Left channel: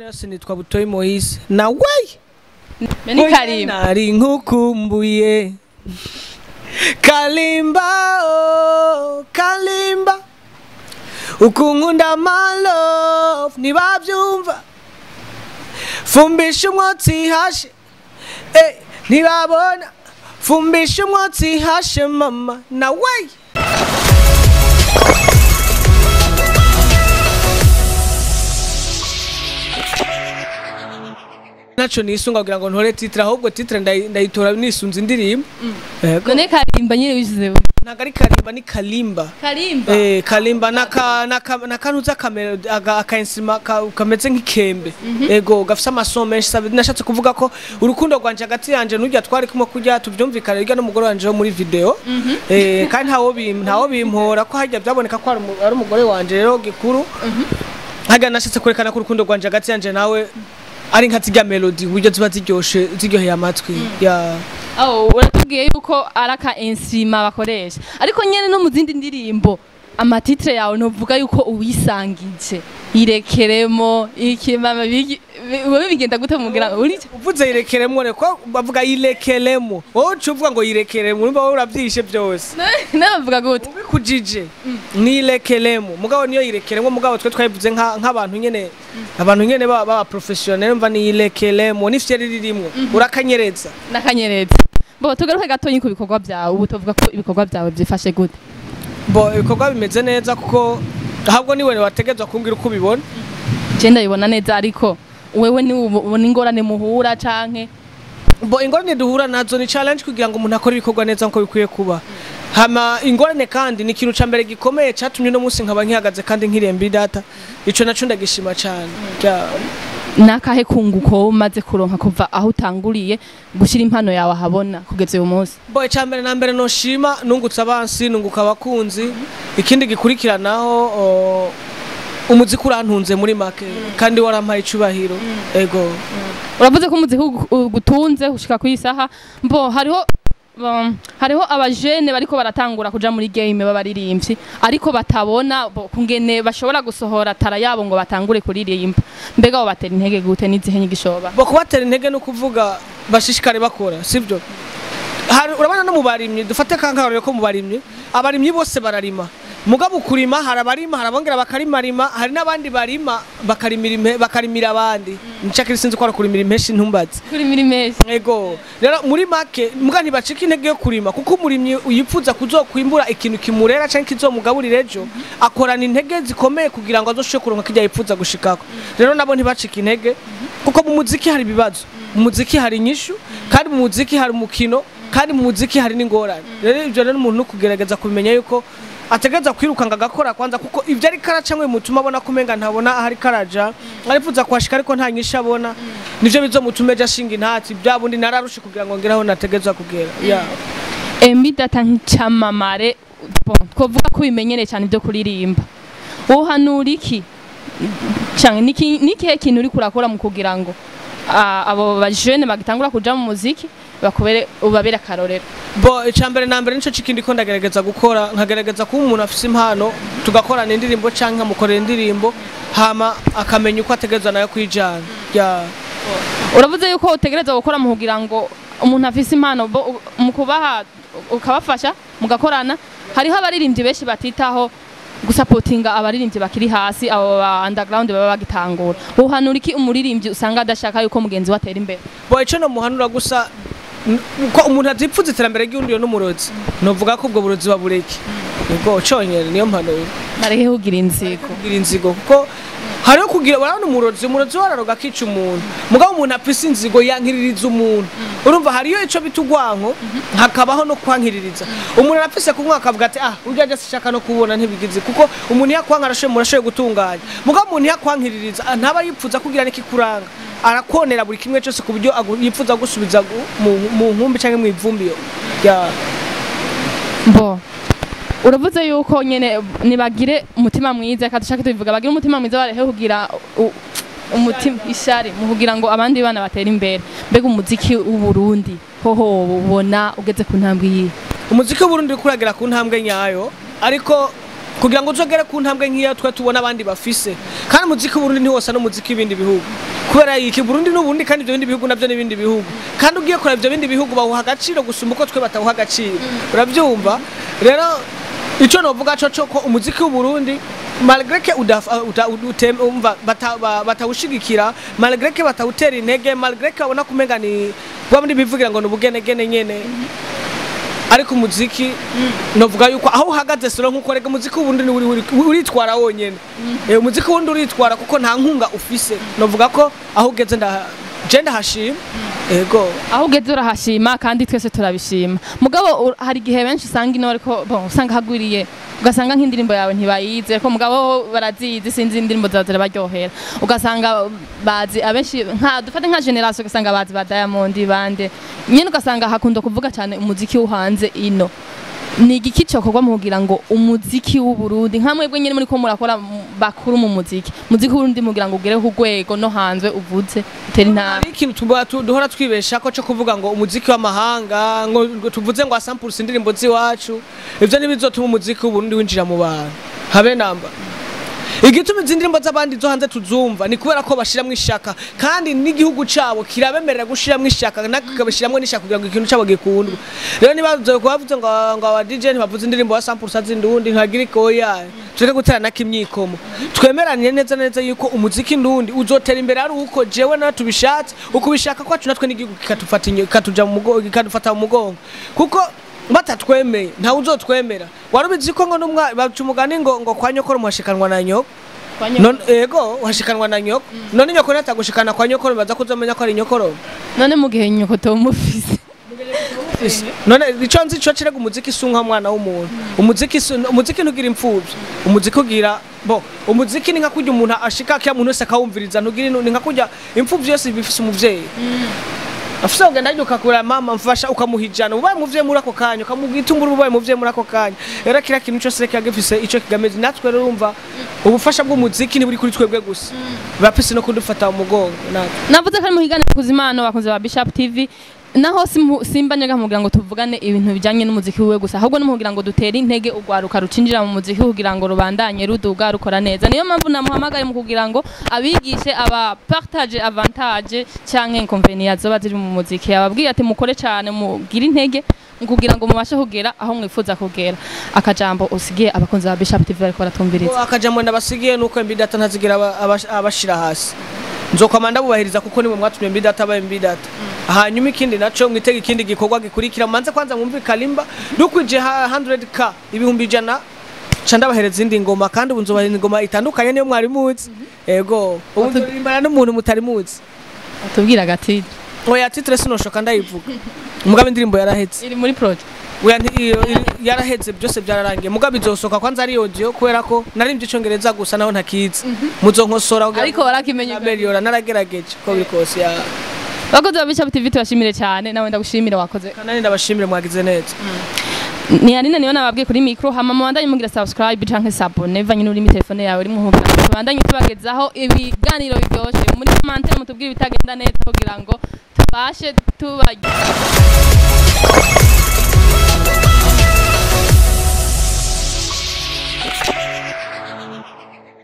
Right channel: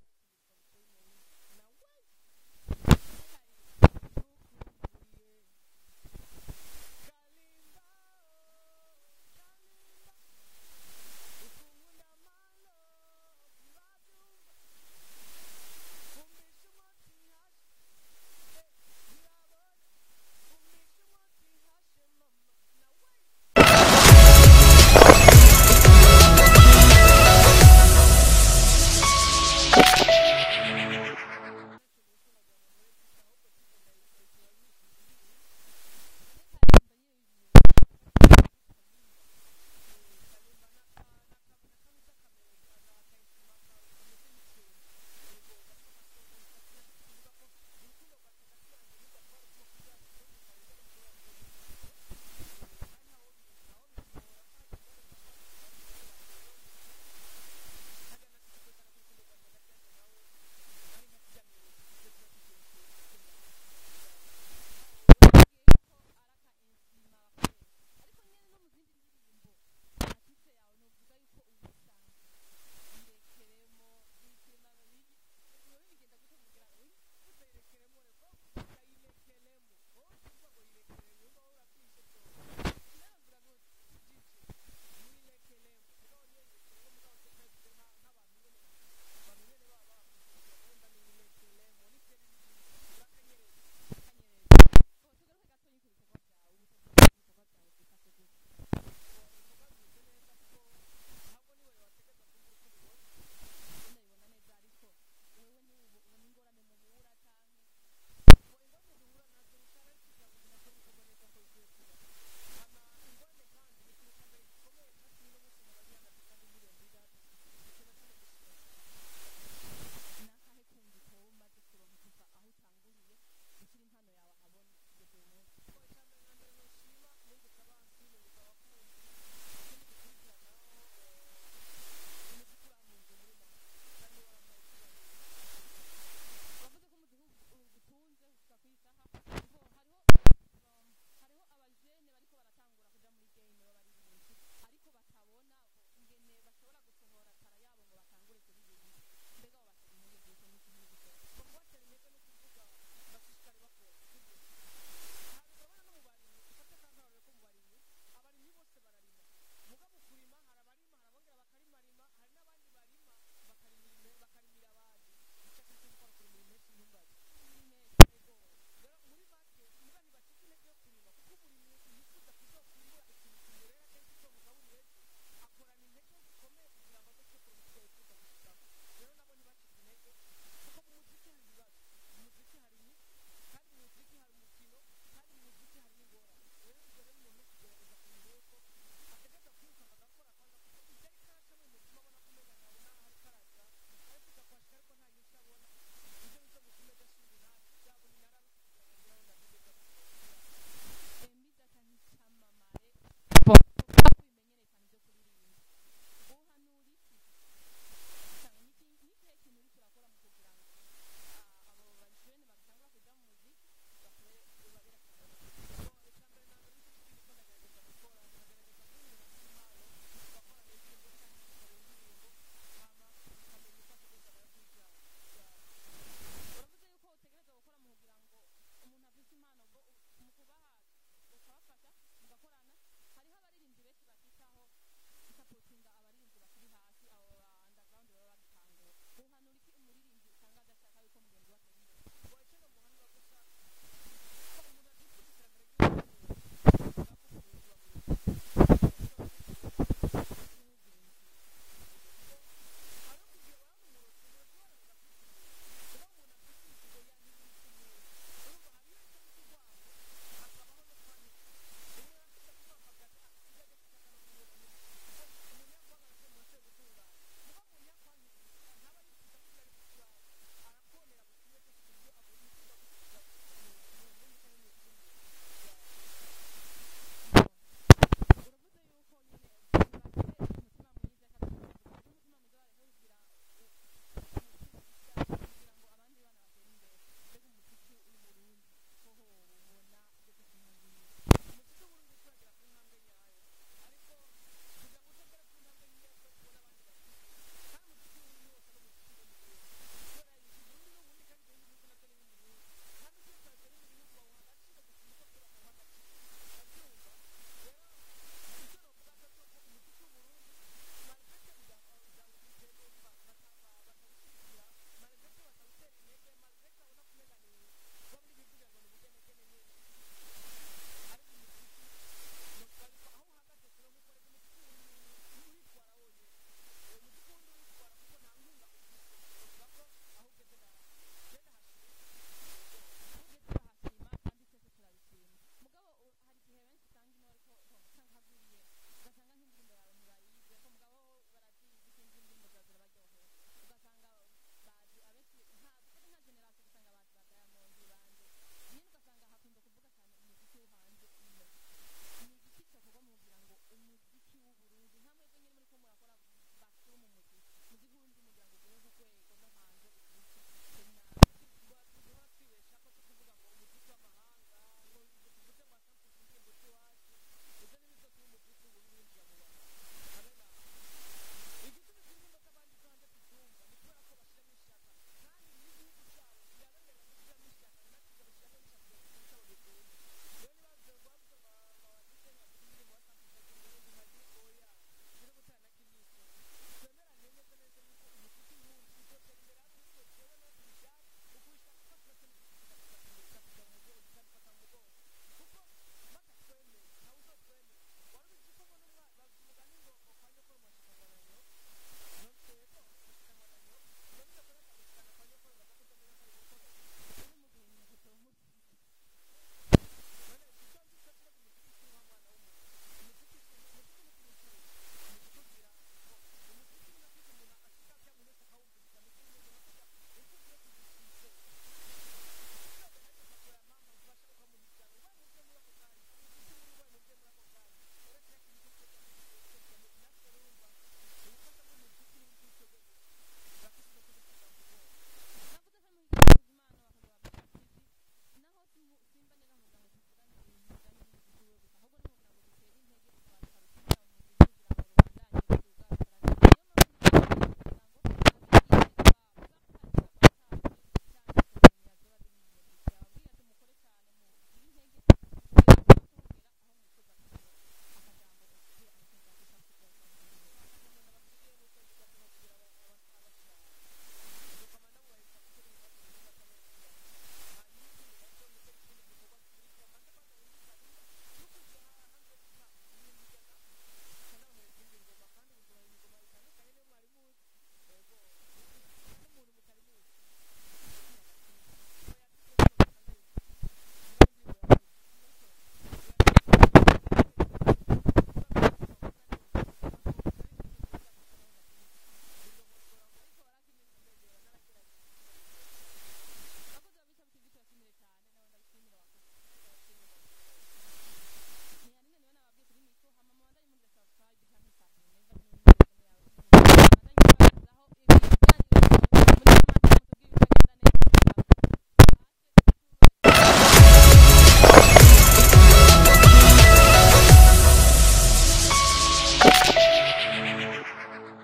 Nasi nitwa Butoyi Moise nawe Meni Kalimba nari nkukumbuye Kalimba oh Kalimba ukunkunda my love nibavyumva fumbisha umwotsi hashe ntibabona fumbisha umwotsi hashe mama nawe nacho nisunga kugira ngo ntore titre ahubwo titre ndayitora nisunze indirimbo none Kalimba nyine wishize nagari Kalimba ni Kalimba Kalimba nakanuza kamera akainstruma kameze nk'ikembe ego gafisa amasomo menshi sabe nashatse kuvuga ko urukundo rwanje hagati yanje n'ujya twari kumwe kujya tuvyumvikana irya n'umugore wanje muri video kandi ntawo bimpora ko hajya byaboneka ko ari umugore wanje rero gikuru haga nashatse kwerekana ko urukundo rwanje hagati yanje nawe ari nka zirya melody uburyo ziba ziryoshe ziryoheye amatwi ya uratubwiye yuko araka instruma bakoresha ariko nyene no mu zindi ndirimbo amatitre yawe novuga yuko uwisangije irekeremo ikimama wowe bigenda gute mugira uri uvuze irekeremo reko bavuga irekeremo wowe uvuga ngo irekeremo urumva wowe uravyishe byose navuga gute ubikujije ni irekeremo mugabo niyo irekeremo mugabo twe twayivuze nk'abantu nyene abantu nyene baba professionnel mva ni irekeremo nifye ririmwe urakanyereza nakanyereza bo tugaruke gatonyi ku bikorwa byawe ubu tuvuga ko ibikorwa byawe byifashe gute bo ibikorwa bimeze neza kuko ahubwo niwe wategezwa kumbwira uko ubibona je ndabibona neza ariko wewe ni ubona ingorane muhura canke bo ingorane duhura nazo ni challenge kugira ngo umuntu akore ibikorwa neza nko bikwiye kuba hama ingorane kandi ni ikintu ca mbere gikomeye catumye no munsi nkaba nkihagaze kandi nkiremba data ico naco ndagishima cyane nakahe kunguko umaze kuronka kuva aho utanguriye gushira impano yawe ahabona kugeze uyu munsi bo icambere na mbere no shima nungutse abansi nunguka abakunzi ikindi gikurikiranaho umuziki urantunze muri make kandi warampaye icubahiro ego uravuze ko umuziki gutunze ushika ku isaha mbo hariho abajene bariko baratangura kuja muri game babaririmbyi ariko batabona kungene bashobora gusohora tara yabo ngo batangure kuririmba mbega bo batera intege gute nizihe nyigishoba bo kubatera intege no kuvuga bashishikare bakora sivyo urabana no mubarimyi dufate kankarore ko mubarimyi abarimyi bose bararima mugabo kurima harabarima harabongera bakarimarima hari nabandi barima bakarimira abandi ncakiri sinzi ko ara kurimira impeshi ntumbaze kurimira impeshi ego rero muri make muga ntibacika intege yo kurima kuko umurimyi uyipfuza kuzokwimbura ikintu kimurera canke kizomugaburira ejo akorana intege zikomeye kugira ngo azoshoke kuronka kijya yipfuza gushikako rero nabo ntibacika intege kuko mu muziki hari bibazo mu muziki hari inyishu kandi mu muziki hari umukino kandi mu muziki hari n'ingorane rero ivyo rero umuntu kugerageza kubimenya yuko ategeza kwirukanga agakora kwanza kuko ivyo ari karacamwe mutuma abona kumenga ntabona ahari karaja arifuza kwashika ariko nta nyisha abona nivyo bizomutume ja shinga intati byabundi nararushe kugira ngo ngeraho nategeza kugera data nk'icamamare twovuga ko bimenyereye cyane byo kuririmba wohanura iki cyane nikihe kintu uri kurakora mu kugira ngo abo bajene bagitangura kuja mu muziki ubabera karorero bo icambere na mbere nico cikindi ko ndagerageza gukora nkagerageza kuba umuntu afise impano tugakorana indirimbo canke amukorera indirimbo hama akamenya uko ategerezwa nayo kwijana uravuze yuko utegereza gukora mu kugira ngo umuntu afise impano mu kubaha ukabafasha mugakorana hariho abaririmbyi benshi batitaho gusapotinga abaririmbyi bakiri hasi abo underground baba bagitangura uhanura iki umuririmbyi usanga adashaka yuko mugenzi watera imbere bo ico no muhanura gusa ko umuntu azipfuza iterambere ry'undi n'umurozi novuga ko ubwo burozi babureke ubwo conyere niyo mpanuro narehe kugira inzigo kuko hariho kugira barana umurozi wararoga kica umuntu mugabo umuntu apfise inzigo yankiririza umuntu urumva hariyo ico bitugwanko hakabaho no kwankiririza umuntu arapfise kunywa akavuga ati urya je sishaka no kubona ntibigize kuko umuntu yakwanka murashoye gutunganya mugabo umuntu yakwankiririza ntaba yipfuza kugira n'ikikuranga arakonera buri kimwe cyose ku buryo yipfuza gusubiza mu nkumbi canke mu ivumbi bo uravuze yuko nyene nibagire umutima mwiza kadushaka tubivuga bagire umutima mwiza barehe kugira umutima ishari mu kugira ngo abandi bana batera imbere mbega umuziki w'Uburundi hoho ubona ugeze ku ntambwe yi umuziki w'Uburundi kuragera ku ntambwe nyayo ariko kugira ngo uzogere ku ntambwe nk'iyo twe tubona abandi bafise kandi umuziki w'Uburundi ntiwosa n'umuziki w'ibindi bihugu kubera iki Burundi n'ubundi kandi ibyo bindi bihugu navyo n'ibindi bihugu kandi ugiye kureba ibyo bindi bihugu bawuha agaciro gusumba uko twe batawuha agaciro urabyumva rero ico novuga co ko umuziki w'Uburundi malgré que batawushigikira malgré que batawutera intege malgré que abona kumenga ni bamwe bivugira ngo n'ubugenegene nyene ariko umuziki novuga yuko aho uhagaze sura nkuko rega umuziki w'Uburundi ni uritwara wonyene umuziki w'Uburundi uritwara kuko nta nkunga ufise novuga ko aho ugeze jenda hashima ego aho ugeze urahashima kandi twese turabishima mugabo hari gihe benshi usanga ino ariko usanga hagwiriye ugasanga nk'indirimbo yawe ntibayize ko mugabo barazizi sinzi indirimbo zawe zirabaryohera ugasanga bazi abenshi dufate nka generation ugasanga bazi ba Diamond bande nyene ugasanga hakunda kuvuga cyane umuziki uhanze ino ni igiki cyokorwa mu kugira ngo umuziki w'Uburundi nka mwebwe nyene muri ko murakora bakuru mu muziki w'Uburundi mugira ngo ugere ku rwego no hanze uvuze utera intara ikintu duhora twibesha ko cyo kuvuga ngo umuziki w'amahanga ngo tuvuze ngo 100% indirimbo ziwacu ivyo nibizotuma umuziki w'Uburundi winjira mu bantu habe namba igituma izindi z'abandi zo hanze tuzumva ni kubera ko bashiramwe ishaka kandi n'igihugu cabo kirabemerera gushiramwe ishaka nakabashiramwe n'ishaka kugira ngo ikintu cabo gikundwe rero nibazo ko bavuze ngo aba DJ bavuze indirimbo ya 100% z'indundi ntagira ikoya tureke gutera nakimyikomo twemeranye neza yuko umuziki ndundi uzotera imbere ari uko jewe na tubishatse ukubishaka kwacu natwe n'igihugu katuja mu mugongo kadufata mu mugongo kuko batatwemeye nta uzotwemera warubizi ko ngo numwa bacumugani ngo kwa nyokoro muhashikanwa na nyoko none ego uhashikanwa na nyoko none nyoko natagushikana kwa nyokoro baza kuzomenya ko ari nyokoro none mu gihe nyoko to mufise none ico nzi cyo cirega umuziki sunka mwana w'umuntu umuziki ntugira impfuvyi umuziki ugira umuziki ni nka kurya umuntu ashika kya muntu wese akawumviriza ntugira ni nka kurya impfuvyi yose bifise umuvyeyi afisa ugenda yuka kura mama mfasha ukamuhijana ubaye muvye muri ako kanya ukamugitungura ubaye muvye muri ako kanya era kira kintu cyose reka gifise ico kigameze natwe rero urumva ubufasha bw'umuziki ni buri kuri twebwe gusa bapise no kudufata umugongo navuze ko muhigane kuzimana bakunze ba Bishop TV naho simbanyaga mugira ngo tuvugane ibintu bijanye n'umuziki wiwe gusa ahubwo n'umugira ngo dutere intege ugwaruka rucinjira mu muziki kugira ngo rubandanye ruduga rukora neza niyo mpamvu namuhamagaye mu kugira ngo abigishe aba partage avantage canke inconvenience zoba ziri mu muziki ababwiye ati mukore cyane mugira intege kugira ngo mubashe kugera aho mwifuza kugera akajambo usigiye abakunzi ba Bishop TV ariko baratumviriza akajambo ndabasigiye nuko imbidata ntazigira abashira hasi nzokomanda bubahiriza kuko ni mu mwatumye mbidata ba mbidata hanyuma ikindi naco mwitega ikindi gikorwa gikurikira manze kwanza mwumve kalimba dukwije 100k ibihumbi 100 canda bahereza indi ngoma kandi ubunzobahereza ingoma itandukanye niyo mwari muzi ego ubunzorimbana n'umuntu mutari muzi atubwira gatiri oya titre sinoshoka ndayivuga mugabe indirimbo yarahetse iri muri project yaraheze byose byararangiye mugabe izosoka kwanza ari audio kubera ko narimbye icongereza gusa naho ntakizi muzonkosora ariko barakimenye Meliora naragerageje ko bikose ya bakoze ba Bishop TV tubashimire cyane nawe ndagushimira wakoze kanani ndabashimire mwagize neza ni Aline niyo nababwiye kuri micro hama mwandanye mugira subscribe canke s'abonner vanye n'uri mi telefone yawe uri muhuga mwandanye tubagezaho ibiganiro biryoshe muri commentaire mutubwire bitagenda neza kugira ngo tubashe tubagira